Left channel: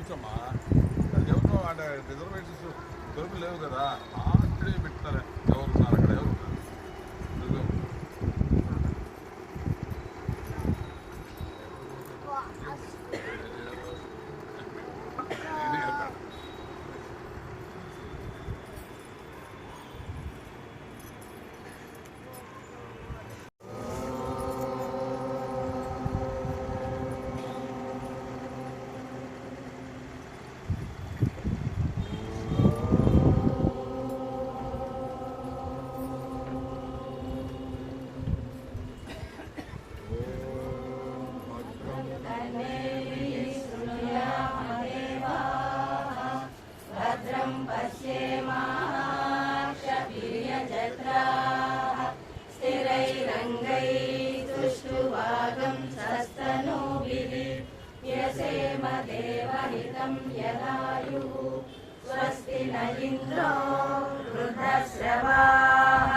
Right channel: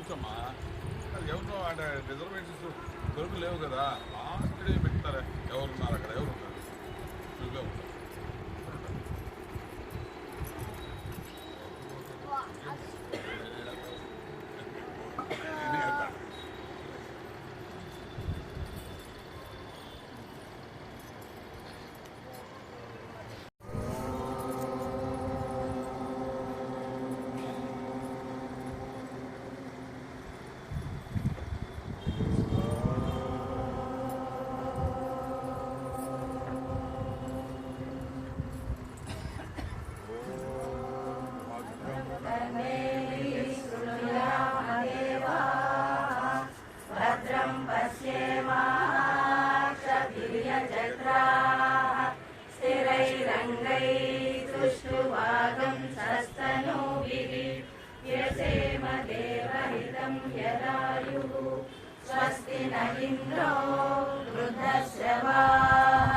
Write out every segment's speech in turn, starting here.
కూర్చోమ్మా. ఎవరు అంటే రిజర్వేషన్స్ దొరకలేవు కదా, ఇక్కడే పెట్టారా ఎవరు సార్ అక్కడ ఎవరు स्वस्ति न इंद्रो वृद्धश्रवाः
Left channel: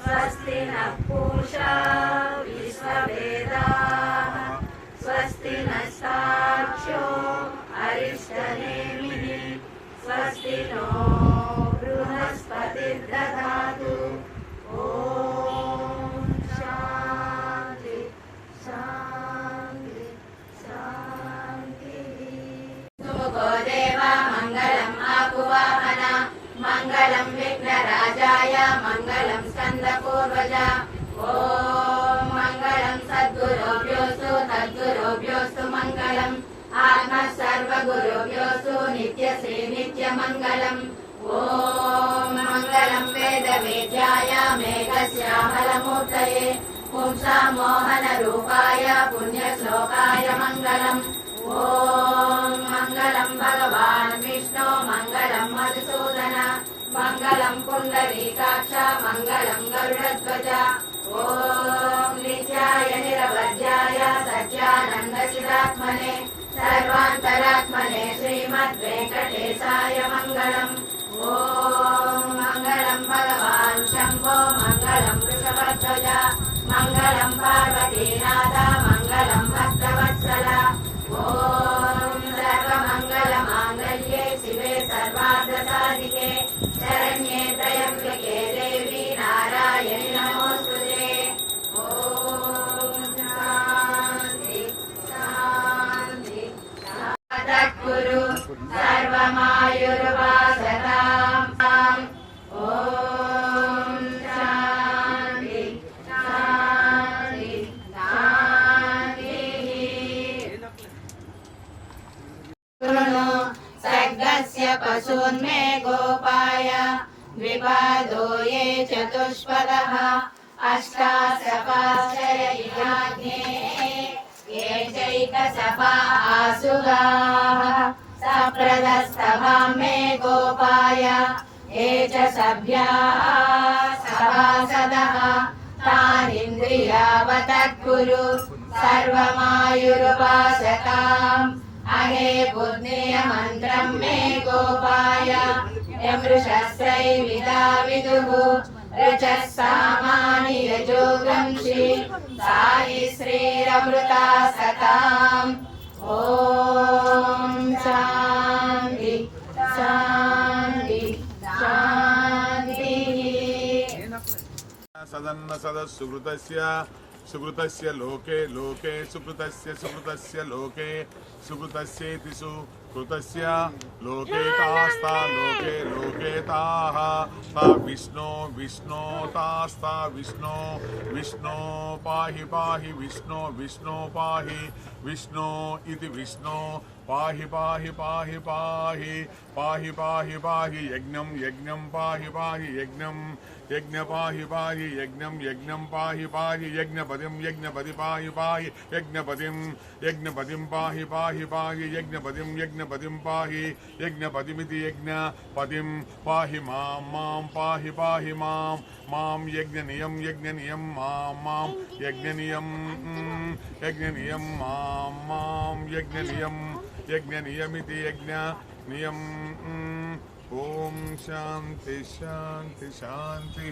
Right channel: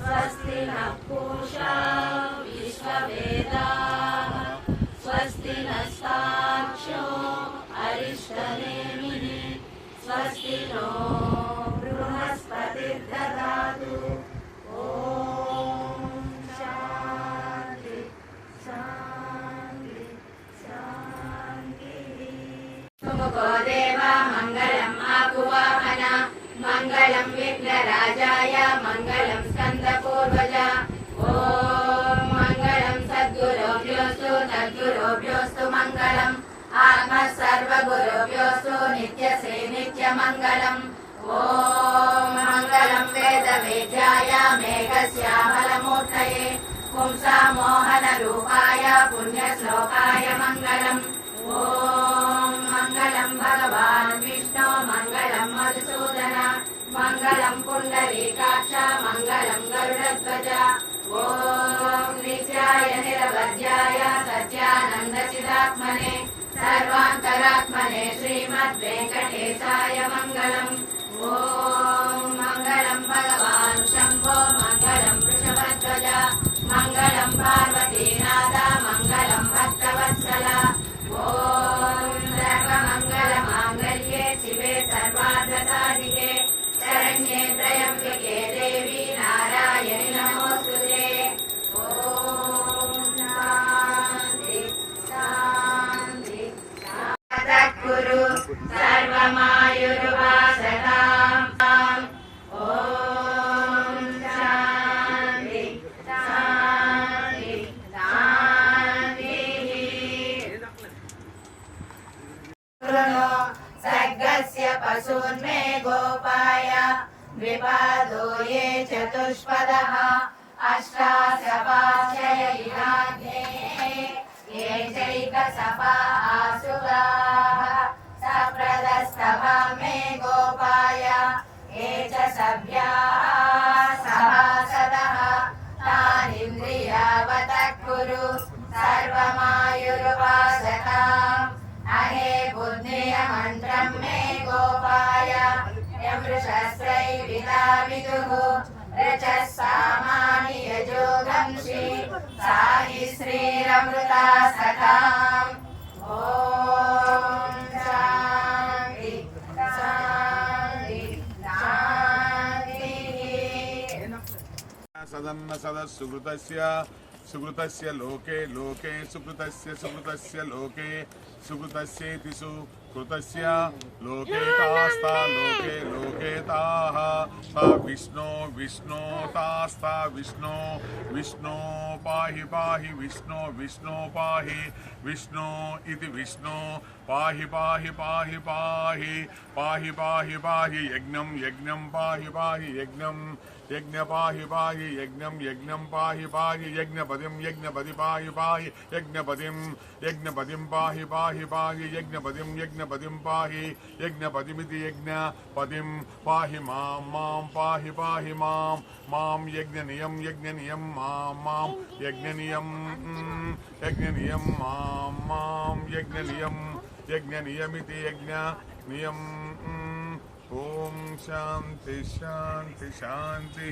स्वस्ति न पूषा विश्ववेदाः स्वस्ति नस्ताक्षो अरिष्टनेमिः स्वस्ति नो बृहस्पतिर्दधातु। ओम शांति शांति शांति। देवा मंगलम् आकुवाहन मंगलम् विघ्नराजाय मंगलम् स्कन्दपूर्वज। ओम मंगलम् सद्गुरुभ्योऽस्तु तद्गुरुभ्योऽस्तु मंगलम् आत्मा सर्वगुरुभ्योऽस्तु नित्यश्री नित्यमङ्गलम्। ओम मंगलम् वेदवेद्याय मेघश्यामलमूर्तये पुंसां मोहनरूपाय पुण्यश्लोकाय मंगलम्। ओम मंगलम् भगवान् विष्णु मंगलम् मधुसूदन मंगलम् पुण्डरीकाक्ष मंगलम् गरुडध्वज। ओम नित्याय निरवध्याय सत्यानन्दचिदात्मने सर्वान्तरात्मने श्रीमद्वेङ्कटेशाय मंगलम्। ओम मंगलम् भगवान् शम्भो मंगलम् वृषभध्वज मंगलम् पार्वतीनाथ मंगलम् भक्तवत्सल। ओम सर्वमङ्गलमाङ्गल्ये शिवे सर्वार्थसाधिके शरण्ये त्र्यम्बके देवी नारायणि नमोस्तुते। ओम शान्ति शान्ति तत्कुरु सर्वमायुर्वासनाम्। ओम शान्ति शान्ति शान्तिः। सर्गस्य पशून्मे गोपाय द्विपादो ये चतुष्पदः अष्टासपाश्चयिराज्ञे ये चैकसपा आसुगाः सप्रदस्तवां मे गोपाय ये च सभ्याः सभासदः तानिन्द्रियावतत्कुरु सर्वमायुरुपासताम्। अहे बुद्धिर्मन्त्रं मे गोपाय यमृषस्त्रैविदा विदुः ऋचः सामानि यजोगंषि साहि श्रीरमृता सताम्। ओम शान्ति शान्ति शान्तिः। सदन्न सदस्सुकृतस्य सुकृतस्य लोके लोके सुकृतस्य सुकृतस्य लोके सुकृतस्येति सुकृतस्य लोके तास्ता लोके लोके ताः ता विष्णो विष्णो तास्ता विष्णो विष्णो पाहि पाहि विष्णो विष्णो पाहि विष्णो इति विष्णो पाहि पाहि पाहि पाहि पाहि पाहि पाहि यज्ञं यज्ञं पाहि पाहि यज्ञं यज्ञ पाहि पाहि यज्ञं यज्ञं पाहि पाहि यज्ञपतिं यज्ञपति पाहि पाहि यज्ञपतिं यज्ञपतिं पाहि पाहि पाहि यज्ञपतिं यज्ञपतिं पाहि यज्ञपतिमिति यज्ञपतिं पाहि मां मां पाहि पाहि मां मां यज्ञनियं यज्ञनियं मां मां यज्ञनियं यज्ञनियं मां मां यज्ञनियं यज्ञनियमिति यज्ञनियं। ओम शांति शांति शांति।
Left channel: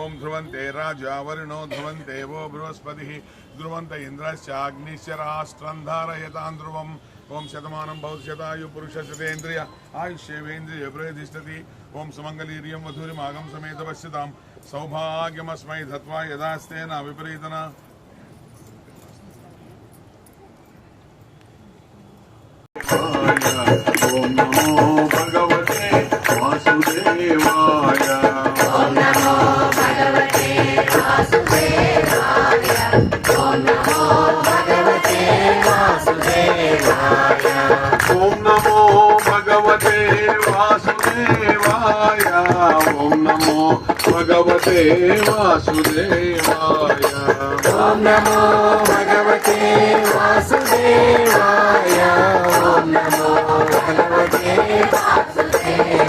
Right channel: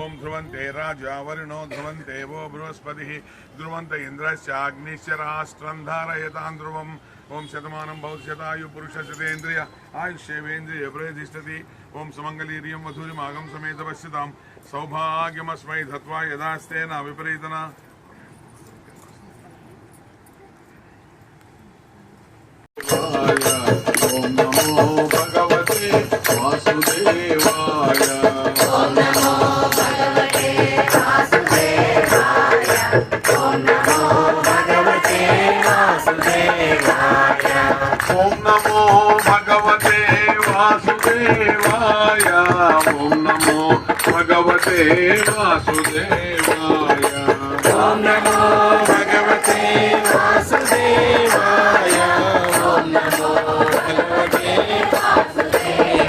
ओम ध्रुवन्ते राजा वरुणो ध्रुवन्ते वो बृहस्पतिः ध्रुवन्त इन्द्रश्चाग्निश्च राष्ट्रं धारयतां ध्रुवं ओम शतमानं भवति शतायु पुरुष शतेन्द्रिय आयुष्येवेन्द्रिय प्रतिष्ठति ओम सुमंगलीर्यं वधूरिमागं समेत पश्यतां सौभाग्यमस्मै धत्वा यदास्तेन विपरीतना ओम नमो भगवते वासुदेवाय ओम नमो भगवते वासुदेवाय ओम नमो भगवते वासुदेवाय ओम नमो भगवते वासुदेवाय ओम नमो भगवते वासुदेवाय ओम नमो भगवते वासुदेवाय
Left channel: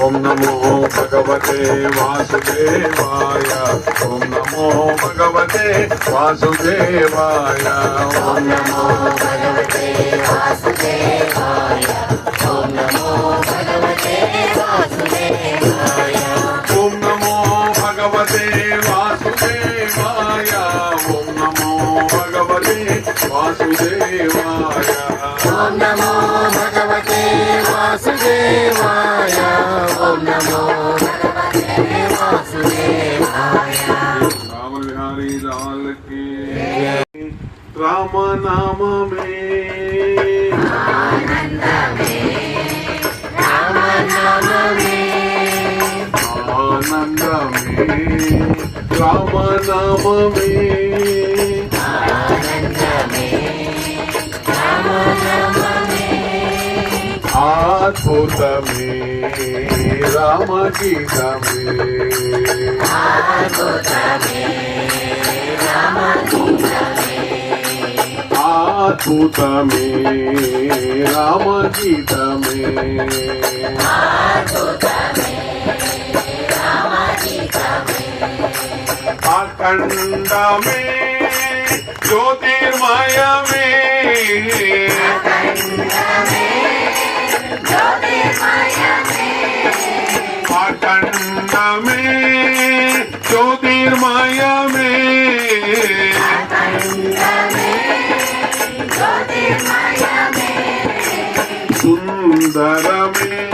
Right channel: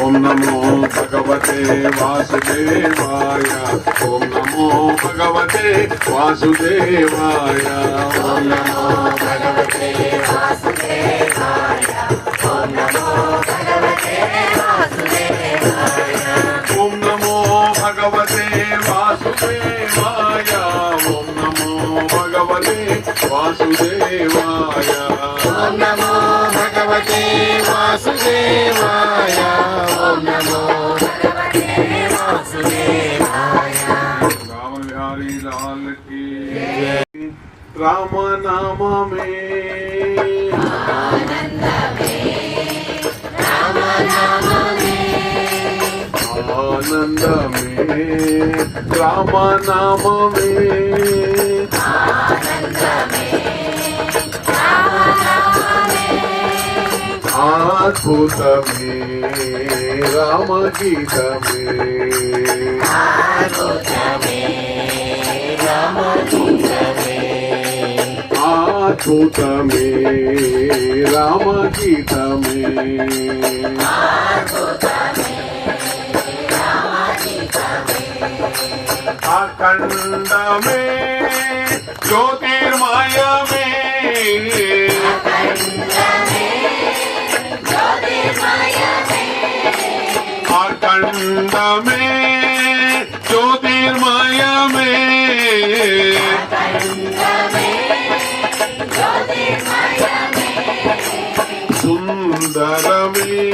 ओम नमो भगवते वासुदेवाय ओम नमो भगवते वासुदेवाय ओम नमो भगवते वासुदेवाय ओम नमो भगवते वासुदेवाय ओम नमो भगवते वासुदेवाय ओम नमो भगवते वासुदेवाय ओम नमो भगवते वासुदेवाय ओम नमो भगवते वासुदेवाय ओम नमो भगवते वासुदेवाय राम बिहारी लाल की राम नाम में आनंद में राम नाम में आनंद में राम नाम में आनंद में राम नाम में अद्भुत में राम गीत में अद्भुत में राम गीत में अद्भुत में राम गीत में अद्भुत में राम गीत में अखंड में ज्योतिर्मय में अखंड में ज्योतिर्मय में अखंड में ज्योतिर्मय में अखंड में ज्योतिर्मय में सुंदर में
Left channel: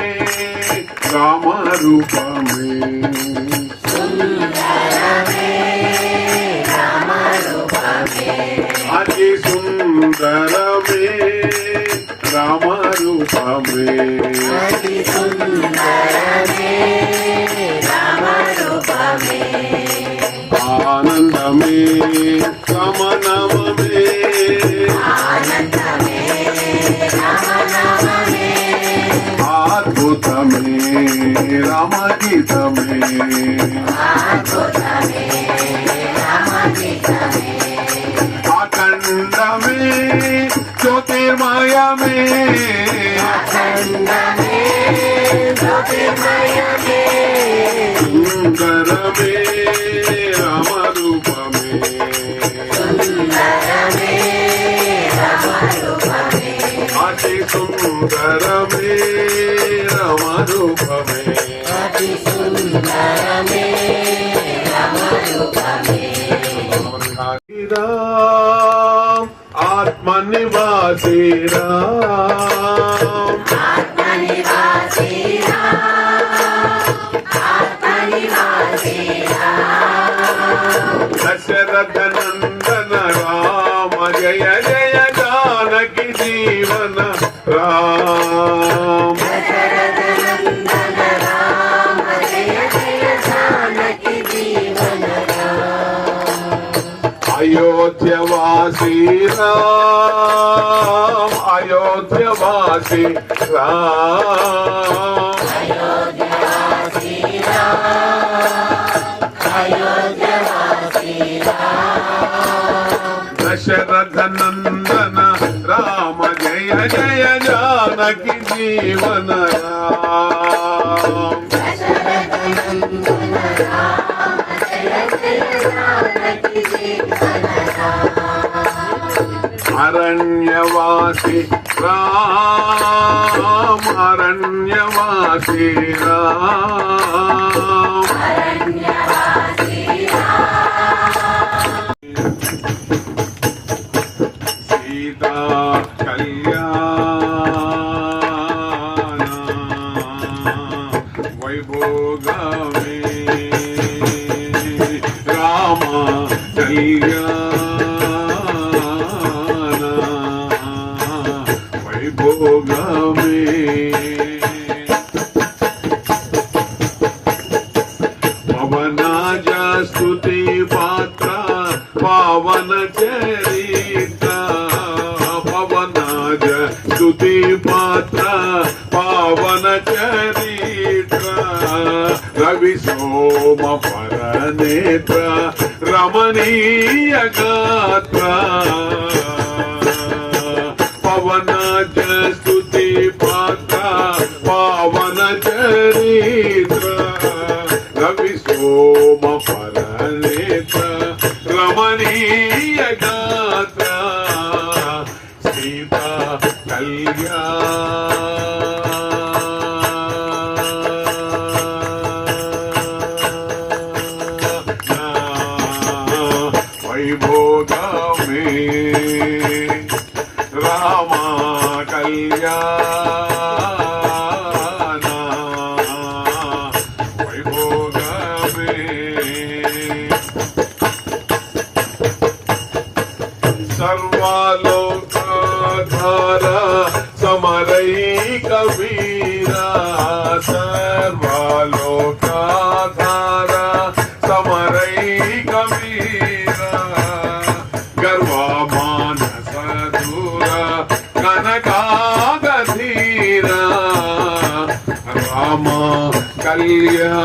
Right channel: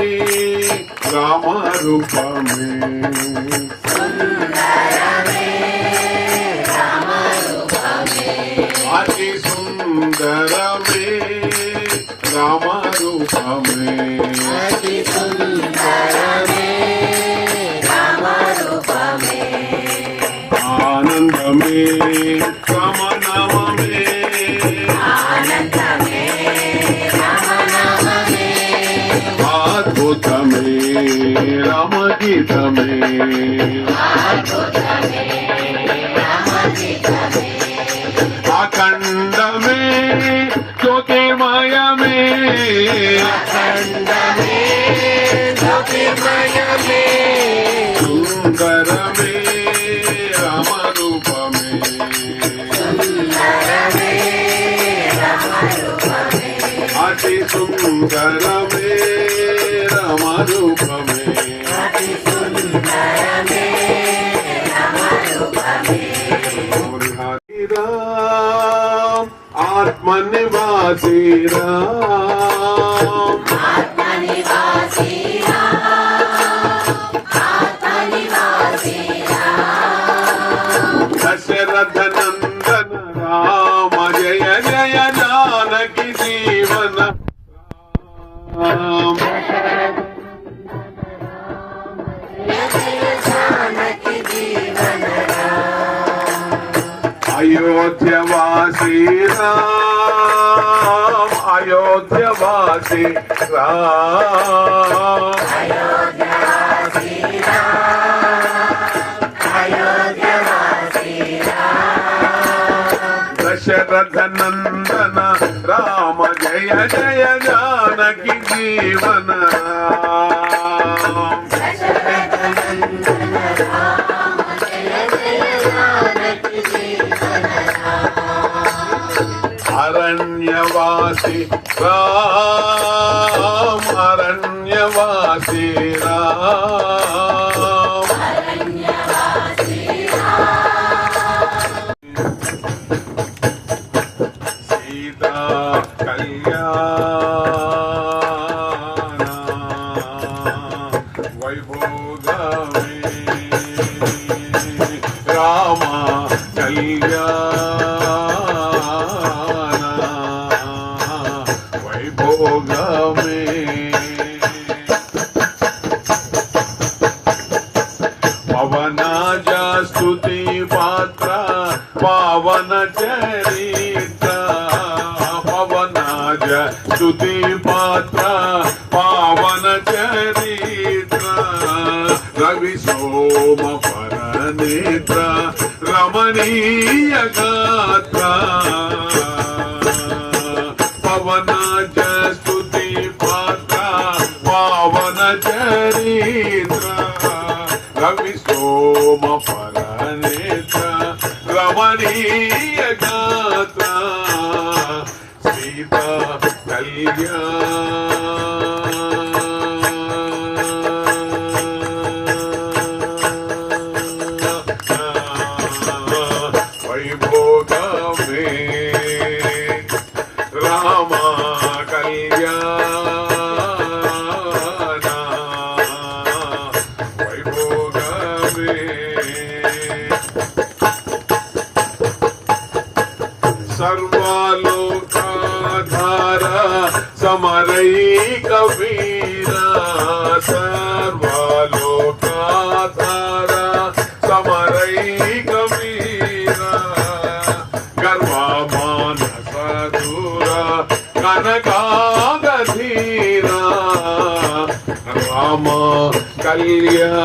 राम रूप में सुंदर में राम रूप में अति सुंदर में राम रूप में अति सुंदर में राम रूप में आनंद में राम नाम में आनंद में राम नाम में अद्भुत में राम गीत में अद्भुत में राम गीत में अखंड में ज्योतिर्मय में अखंड में ज्योतिर्मय में सुंदर में राम रूप में सुंदर में राम रूप में अति सुंदर में राम रूप में अति सुंदर में राम रूप में हरि राम आत्मनिवासी राम आत्मनिवासी राम आत्मनिवासी राम दशरथ नंदन राम जय जय जानकी जीवन राम दशरथ नंदन राम जय जय जानकी जीवन राम अयोध्यवासी राम अयोध्यवासी राम अयोध्यवासी राम अयोध्यवासी राम दशरथ नंदन राम जय जय जानकी जीवन राम दशरथ नंदन राम जय जय जानकी जीवन राम अरण्यवासी राम अरण्यवासी राम अरण्यवासी राम सीता कल्याण मे पवनाजा स्तुति पात्र पावन चरित्र पवनाजा स्तुति पात्र पावन चरित्र रवि सोम पर नेत्र रमणीय गात्र पवनाज स्तुति पात्र पावन चरित्र रवि सोम पर नेत्र रमणीय गात्र सीता वैभोग में रामा कल्याण वैभोग में सर्वलोकाधारा समरैक वीरा सर्वलोकाधारा समरैक वीरा गर्वमानस दूरा कनकागधीरा राम कल्याण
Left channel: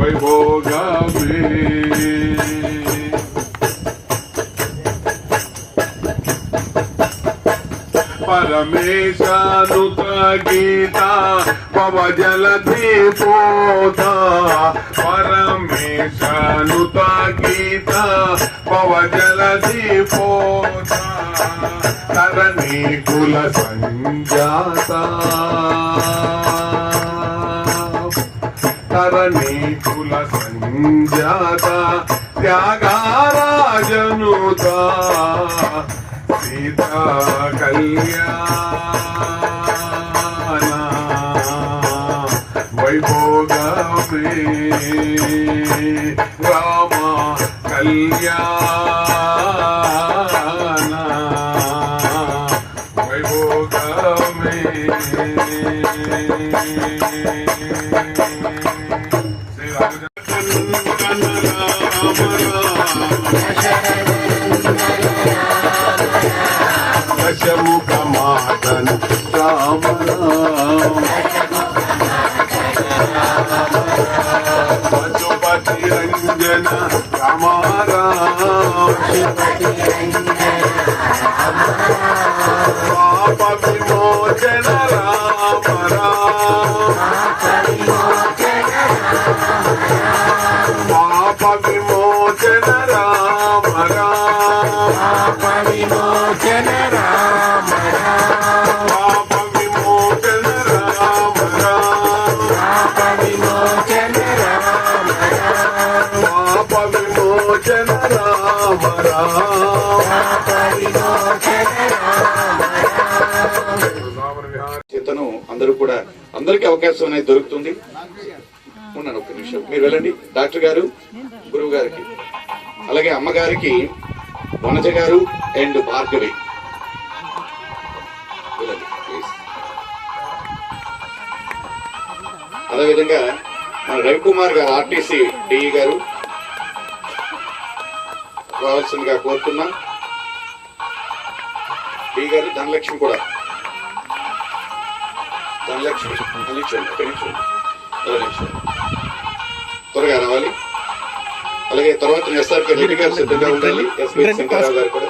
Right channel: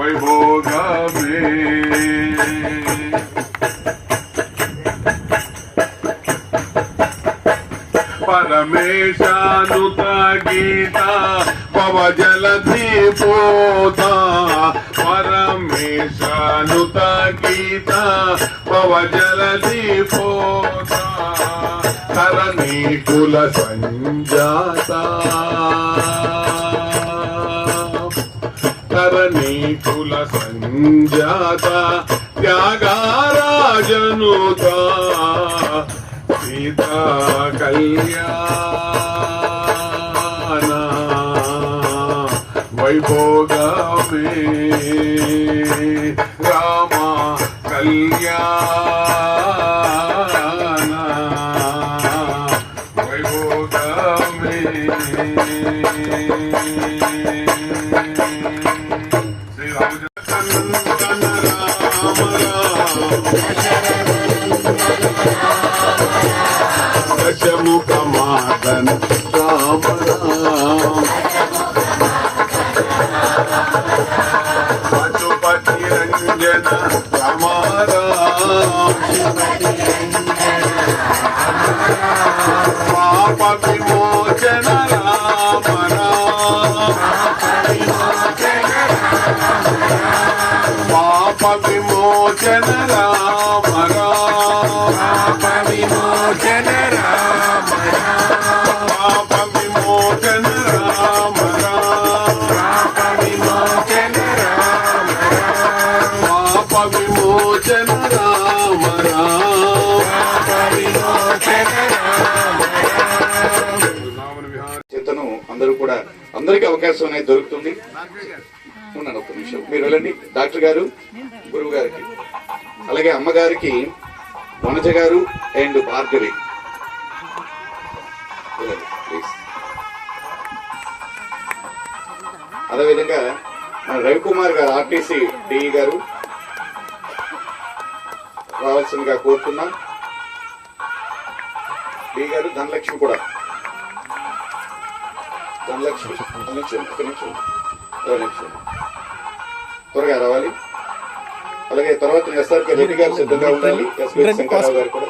वैभोग में परमेशानुत गीता पव जलधि पोता परमेशानुत गीता पव जलधि पोता तरणी कुल संजाता तरणी कुल संजाता त्यागाराजनुता सीता कल्याण वैभोग में रामा कल्याण वैभोग में श्री रामचंद्र राम दशमुख मातन राम पशुपति रंजन राम पाप विमोचन राम पाप विमोचन राम पाप विमोचन राम पाप विमोचन राम पाप विमोचन राम पाप विमोचन राम पाप विमोचन राम చేతను అందరూ కూడా అందరికీ అవకాశం అనేది దొరుకుతుంది. ఉన్నాను ఒక్క నిమిషం, మీరు వెళ్ళండి. డాక్టర్ గారు, గురువు గారికి, అలాగే అమ్మగారికి వనజ గారు అండ్ భార్గవి వెళ్ళండి ప్లీజ్. అదేవిధంగా మన రవికుమార్ గారు ఆర్టీసీ డిఈ గారు రావాల్సిందిగా కోరుతున్నాం. డి గారు ధనలక్ష్మి కూడా, ధనలక్ష్మి త్వరగా రావాలి. అలాగే తర్వాత ఎస్ఆర్కే రెడ్డి గారు సిద్ధంగా ఉండాలి. ఎస్పీ శంకర్రావు గారు కూడా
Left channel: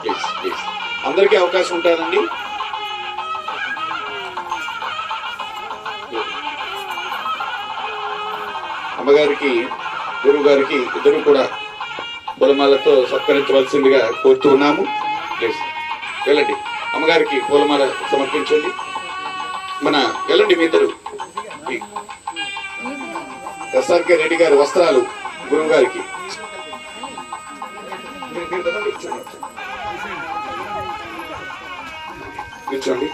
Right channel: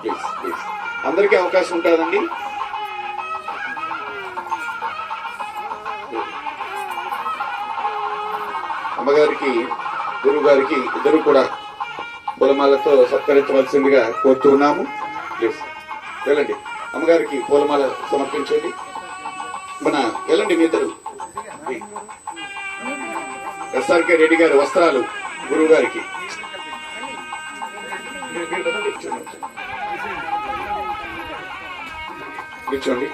ప్లీజ్ ప్లీజ్ అందరికీ అవకాశం ఉంటుందండి. అమ్మగారికి గురువు గారికి ఇద్దరు కూడా పూలమాలతో సత్కరించవలసిందిగా కోరుతూ ఉన్నాము. ప్లీజ్ వెళ్ళండి, అమ్మగారికి పూలమాల సమర్పించండి. మన వెళ్ళండి మీ ఇద్దరు. ఎస్ఆర్కే రెడ్డి గారి వస్త్రాలు గురువు గారికి. కూర్చోండి.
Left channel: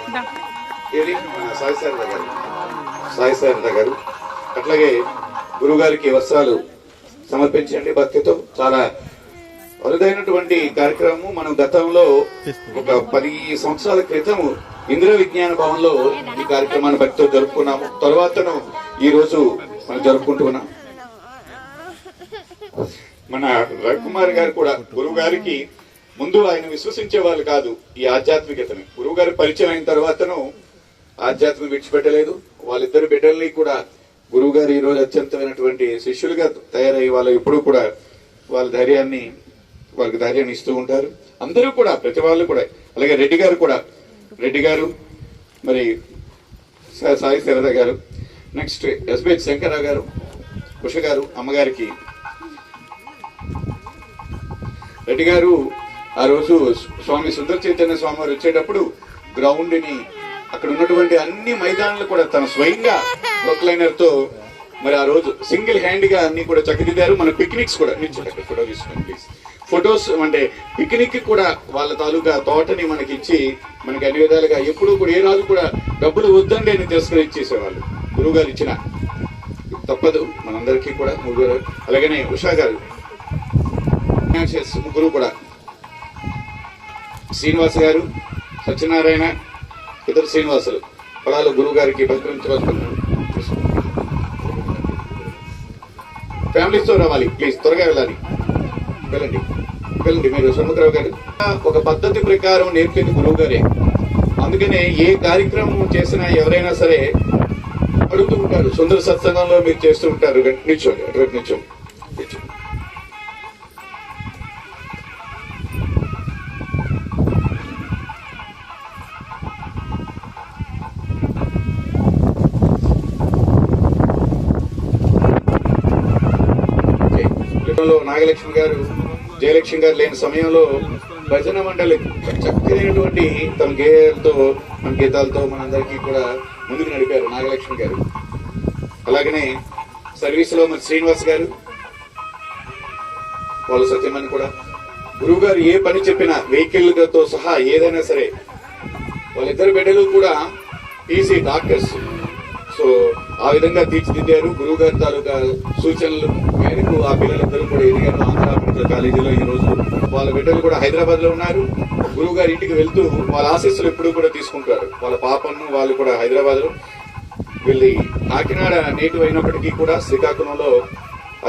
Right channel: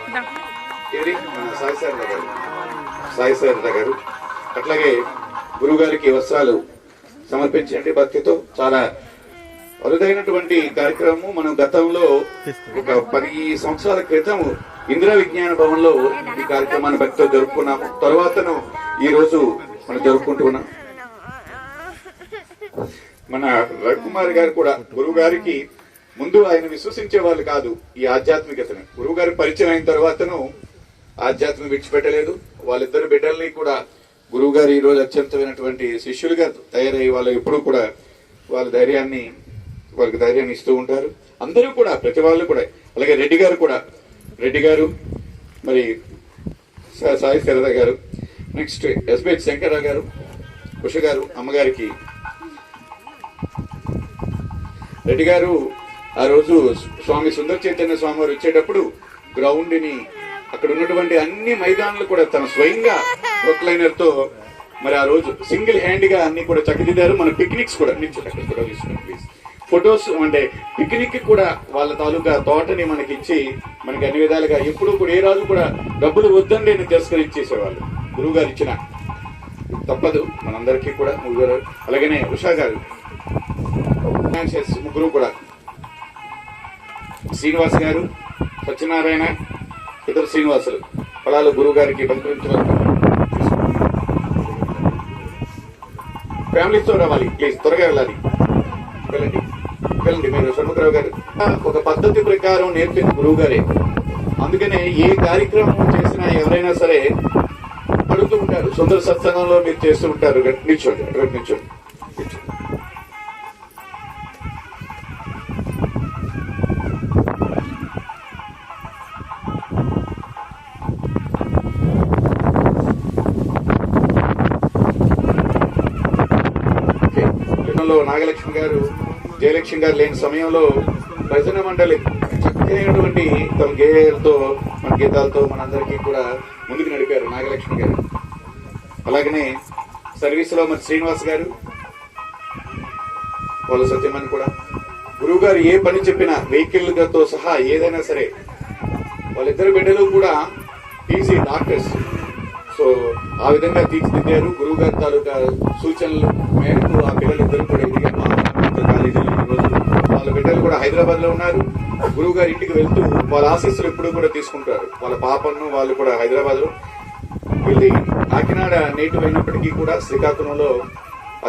ఏది సాయి శారద గారు అట్లాగే గురువు గారికి వస్త్రాలు సమర్పించండి భక్తితో. చాలా అరుదైనటువంటి కార్యక్రమం. మనం గతంలో ఒక 10 సంవత్సరాల క్రితం ఇందిరా విజ్ఞాన భవన్ లో ఈ కార్యక్రమాన్ని భక్తితో జరుపుకున్నాము. తర్వాతను ఈ రోజు మనం జరుపుకుంటున్నాం. మన రవికుమార్ గారు కూడా గురువు గారికి ముందు ఆయన విశ్వసించే వాళ్ళు కాదు ఈ ఆధ్యాత్మికతను. గురువు గారి పరిచయం అయిన తర్వాతను ఆధ్యాత్మిక విడిచిపెట్టలేదు. వాళ్ళిద్దరు బిడ్డల్ని కూడా గురువు గారు ఈ రోజు అత్యంతమైనటువంటి శిష్యులుగా తయారయ్యి వాళ్ళు ఎప్పుడు కూడా వాళ్ళ వాళ్ళకి ధైర్యాన్ని ఇస్తూ ఉంటారు. అందరూ కూడా ప్రతి వాళ్ళు కూడా. అలాగే రెడ్డి గారు మరి సాయి శరద గారు, నెక్స్ట్ ఎస్బిహెచ్ శంకరరావు గారు, ఉష గారు, అమ్మగారికి రెడ్డి గారు ఆ రోజు స్వామి సుందర చైతన్య స్వామి వారు వచ్చేటప్పుడు గ్రౌండ్ ని అక్కడ ఉన్నటువంటి అన్ని మైదానాలు కూడా తన స్వయంగా ప్రొక్లైనర్ తో మరి ఆ రోజు సింగిల్ హ్యాండ్ గా అన్ని కూడా చక్కదిద్దారు. మన పిక్నిక్స్ కూడా నిల్చోండి, ఫోటో తీసుకోండి ప్లీజ్. ఫొటోస్ అంటే పిక్నిక్ కూడా వాళ్ళ తాలూకా తోటని మనకి ఇచ్చి మనకి అన్ని విధాలుగా ఎప్పుడు కూడా ఏ రోజు కూడా డబ్బులు వద్దండి అని తిరస్కరించేసేవాళ్ళు. గురువు గారు ఇచ్చిన తప్పదు మనందరికీ కూడా. అలాగనే ఉషా గారు, ముగ్గురు కూడా, శ్రీనివాస్ గారు, సత్యనారాయణ, ఇతర శ్రీనివాసులు పొలాలు గురువు గారికి బహుకరించవచ్చు. ఫ్యామిలీతో రావాలి ప్లీజ్, త్వరగా వెళ్ళండి. మీరు షణ్ముఖరావు గారు ఒక పద్ధతి ప్రకారం నేర్పిన గురువు గారే. అందుకనే ఏ కార్యక్రమం చేసినా ఎవరైనా సరే అడుగుతూ ఉంటారు. సుందర సత్సంగంలో మీరు చేస్తూ ఉంటారు. నిల్చోండి. నాగలక్ష్మి గారు, జయలక్ష్మి గారు లేని సమయంలో భజన మండలి చక్కనైనటువంటి తమ గీతాలతో మనందరికీ కూడా ముందుకు నడిపారు నాగలక్ష్మి గారు. అలాగనే సర్వీస్ లో మరి శ్రీనివాస్ గారు, వాళ్ళ సత్యమని కూడా. గురువు గారు ఏ పని చెప్పినా వెహికల్తో సహా ఏదైనా సరే వాళ్ళిద్దరు బిడ్డలు కూడా పీజీ డాక్టర్స్. సో ఆ విధంగా తీర్చిదిద్దారు. గురువు గారి తాలూకా సూచనలు మేరకు ఆ పిల్లలిద్దరూ కూడా ఎదిగారు. కాలేజీలో ఈ రోజు వాళ్ళ బిడ్డలు కూడా హైదరాబాద్ లో ఉన్నారు. గురువు గారి ఇంటికి వెళ్తూ వాళ్ళ ఆశీస్సులు ఎప్పుడు కూడా తీసుకుంటారు. వాళ్ళ పాపను వాళ్ళు కూడా హైదరాబాద్ లో వెళ్ళి కాకినాడ నేటివ్ అయినప్పటికీ కూడా శ్రీకాకుళంలో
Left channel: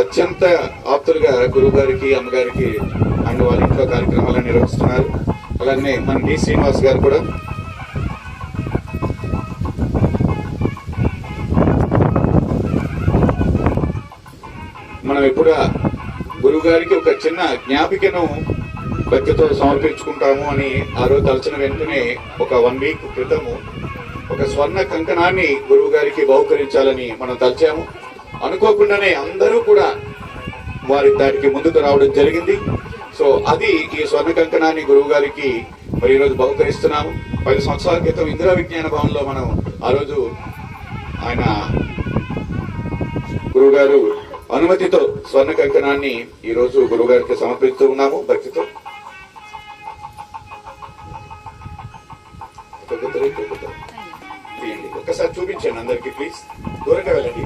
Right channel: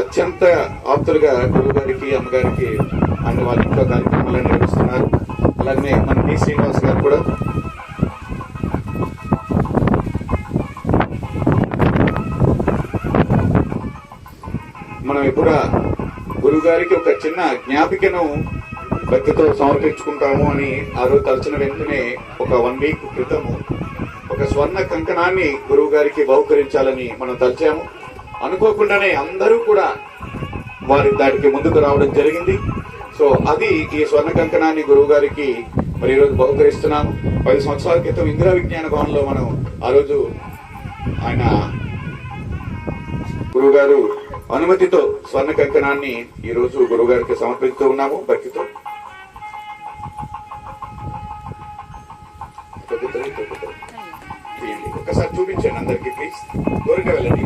అత్యంత ఆప్తులుగా గురువు గారికి, అమ్మగారికి అన్న వాళ్ళ ఇంట్లో కార్యక్రమాలను నిర్వహిస్తున్నారు. అలాగే మన డి శ్రీనివాస్ గారు కూడా మనం ఎప్పుడు గురువు గారికి ఒక చిన్న జ్ఞాపికను భక్తితో సమర్పించుకుంటాము అని ఆ రోజు తలచిన వెంటనే ఒక 1 వీక్ క్రితము ఒక స్వర్ణ కంకణాన్ని గురువు గారికి బహుకరించాలని మనం తలచాము. అనుకోకుండానే అందరూ కూడా దానికి ముందుకు రావడం జరిగింది. సో అది ఈ స్వర్ణ కంకణాన్ని గురువు గారికి మరి ఈ రోజు బహుకరిస్తున్నాము. 10 సంవత్సరాల క్రితం ఇందిరా విజ్ఞాన భవన్ లో మనం ఆ రోజు ఆయన గురువు గారు అనుమతితో స్వర్ణ కంకణాన్ని ఈ రోజు గురువు గారికి సమర్పిస్తూ ఉన్నాము భక్తితో. ఒకసారి చూపించండి అందరికి ప్లీజ్. దూరంగా వెళ్ళండి.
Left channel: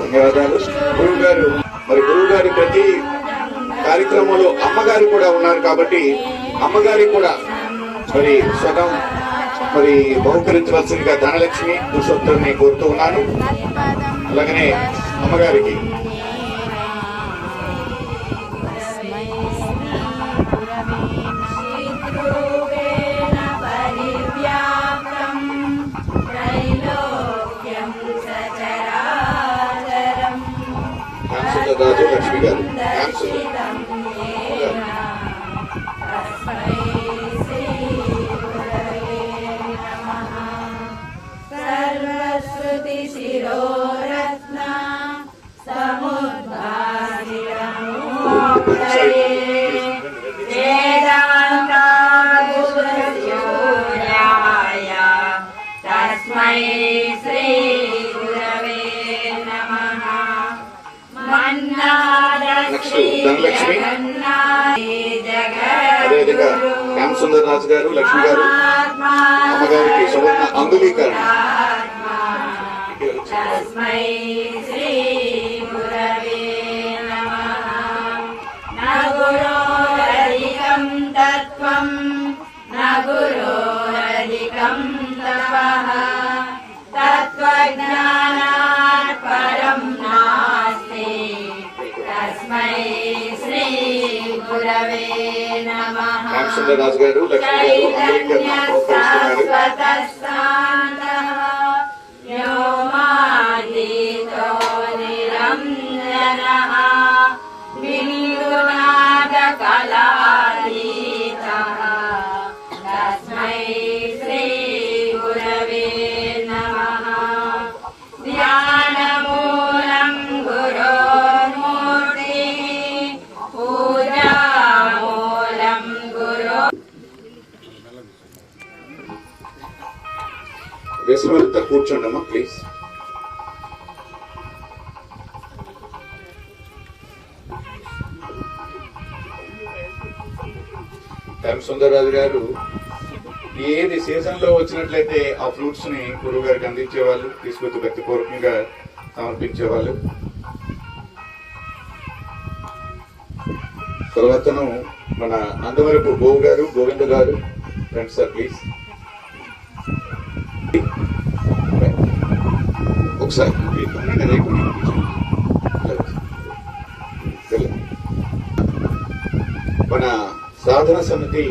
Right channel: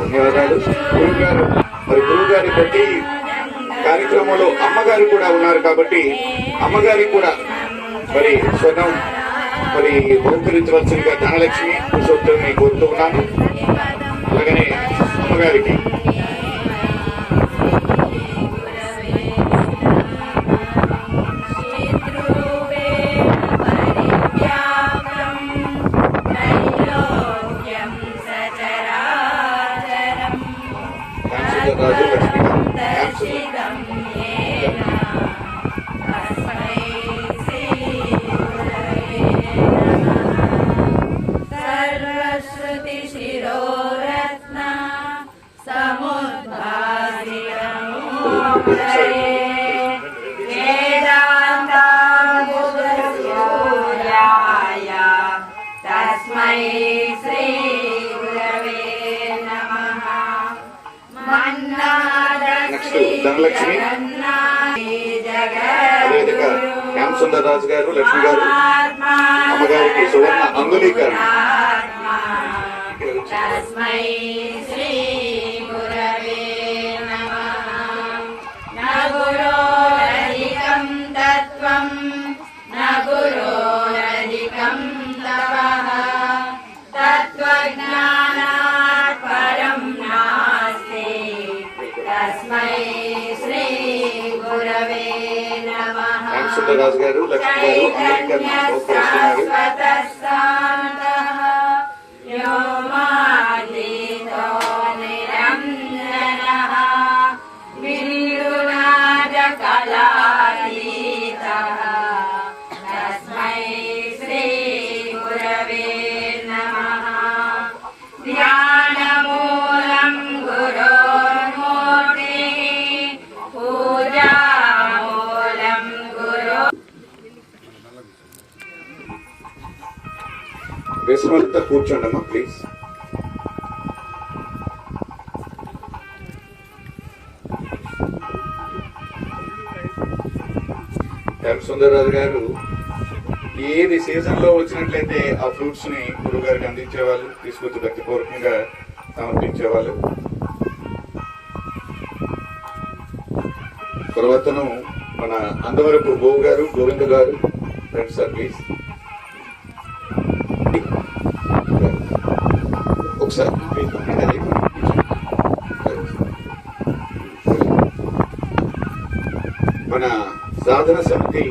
ధన్యవాదాలు. గురువు గారు మరి గురువు గారి ప్రతి కార్యక్రమంలో అమ్మగారు కూడా ఉన్నారు కాబట్టి అమ్మగారికి కూడా మరి స్వరం మరి బహుకరించవలసిందిగా ధనలక్ష్మి పురుషోత్తమిని కోరుతూ ఉన్నాను. అలాగనే అమ్మగారికి రాజు లక్ష్మి గారు సర్వశ్రుతి శిరోరత్న వేదాంతాయ తస్మై శ్రీ గురవే నమః. ధనలక్ష్మి అదేవిధంగా రామసుందరరాజు గారు లక్ష్మి గారు అమ్మగారికి సువర్ణ అంగుళీకరణ. తస్మై శ్రీ గురవే నమః. న గురోరధికం తత్వం న గురోరధికం తపః తత్వజ్ఞానాత్ పరం నాస్తి తస్మై శ్రీ గురవే నమః. రామసుందరరాజు గారు లక్ష్మి గారు అంగుళీకరణ శాశ్వతః వ్యోమాతీతో నిరంజనః వినిర్నాదకళాతీతః తస్మై శ్రీ గురవే నమః. ధ్యానమూలం గురోర్మూర్తిః పూజామూలం గురో. వేసమంతా కూర్చోండమ్మా ప్లీజ్. రామసుందరరాజు గారు ఏది సీజన్ లో వచ్చినట్లయితే ఆ ఫ్రూట్స్ ని గురువు గారికి అందించేవాళ్ళు, తీసుకొచ్చి భక్తిపూర్వకంగా సమర్పించేవాళ్ళు. తర్వాతను మన అందవరపు గోవు గారు గోవింద గారు ఫ్రెండ్స్ సార్ ప్లీజ్ ఒకసారి మన సాధన సమితి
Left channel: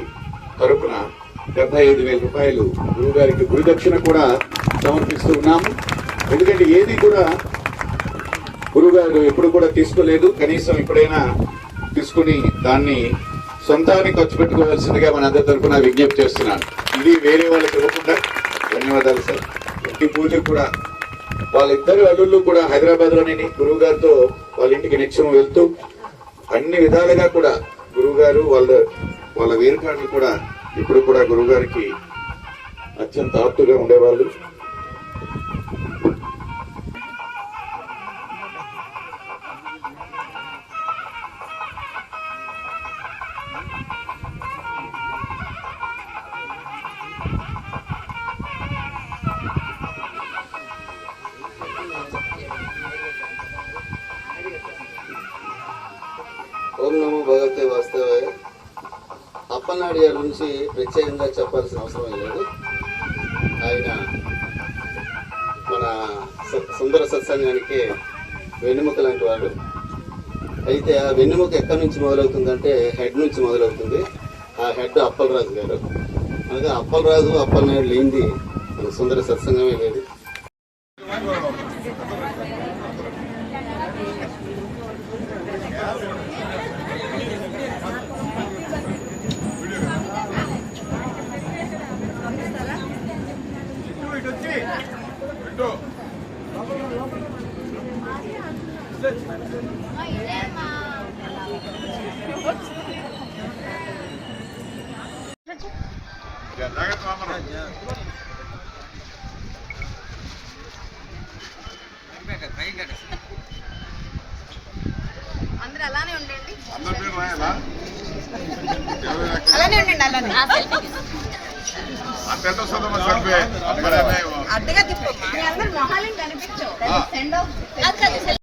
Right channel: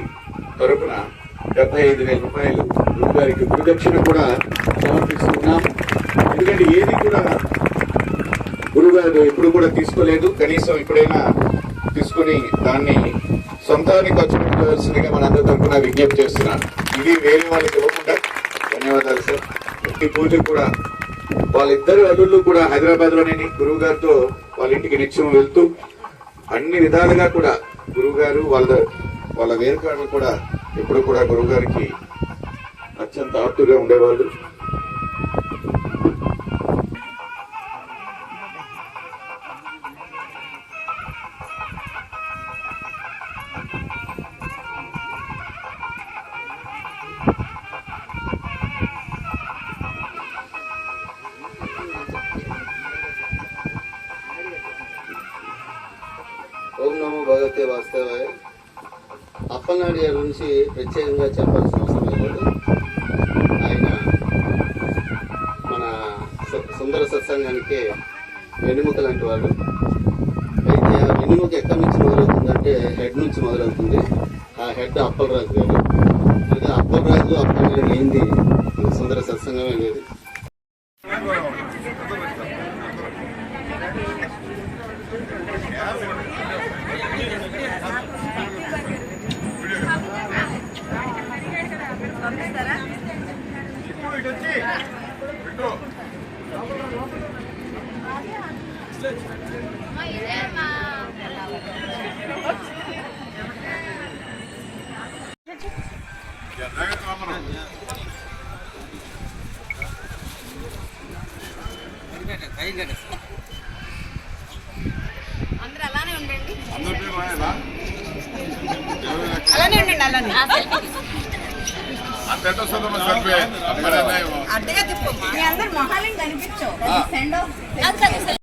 తరపున 75,000 రూపాయలు గురువు గారికి గురుదక్షిణ కూడా సమర్పిస్తూ ఉన్నాము. ఎందుకంటే ఏది కూడా గురువు గారు ఎప్పుడు కూడా తీసుకోలేదు, కనీసం ఇప్పుడైనా తీసుకుని దాన్ని సొంతానికి ఖర్చు పెట్టుకోవాల్సిందిగా మనందరి తరపున విజ్ఞప్తి చేస్తున్నాను. ఇది వేరే వాళ్ళకి ఇవ్వకుండా. ధన్యవాదాలు సార్. ఈ పూజ కూడా వాళ్ళిద్దరు అల్లుళ్ళు కూడా హైదరాబాద్ లోనే గురువు గారితో వాళ్ళ ఇంటికి నిత్యం వెళ్తూ అన్ని విధాలుగా కూడా గురువు గారు వాళ్ళ వేరుకాళ్ళు కూడా ఎప్పుడు కూడా గురువు గారికి అత్యంత ఆప్తుగా ఉండేవాళ్ళు. ఓం నమో భగవతే వాస్తవే. అప్పలనాయుడు గారి గురించి ప్రత్యేకంగా చెప్పాల్సిన అవసరం లేదు. ఆయన మన సుందర సత్సంగానికి వెన్నెముక లాంటి వాడు. అయితే ఆ వెన్నెముక ఎక్కడి నుంచి మొదలవుతుందంటే హెడ్ నుంచి మొదలవుతుంది. ఆ హెడ్ అప్పలరాజు గారు. అలాగే అప్పలరాజు అప్పలనాయుడు లేనిది మన సుందర సత్సంగమే లేదు. అందరూ అలానే ఉండండి. అందరి పేరు రాయాలా? అలానే ఉండండి. అలానే అంత వస్తుందమ్మా సెల్ఫీ. అద్దెగా తీసుకో. మీ అందరు మొహాలని కనిపించవు.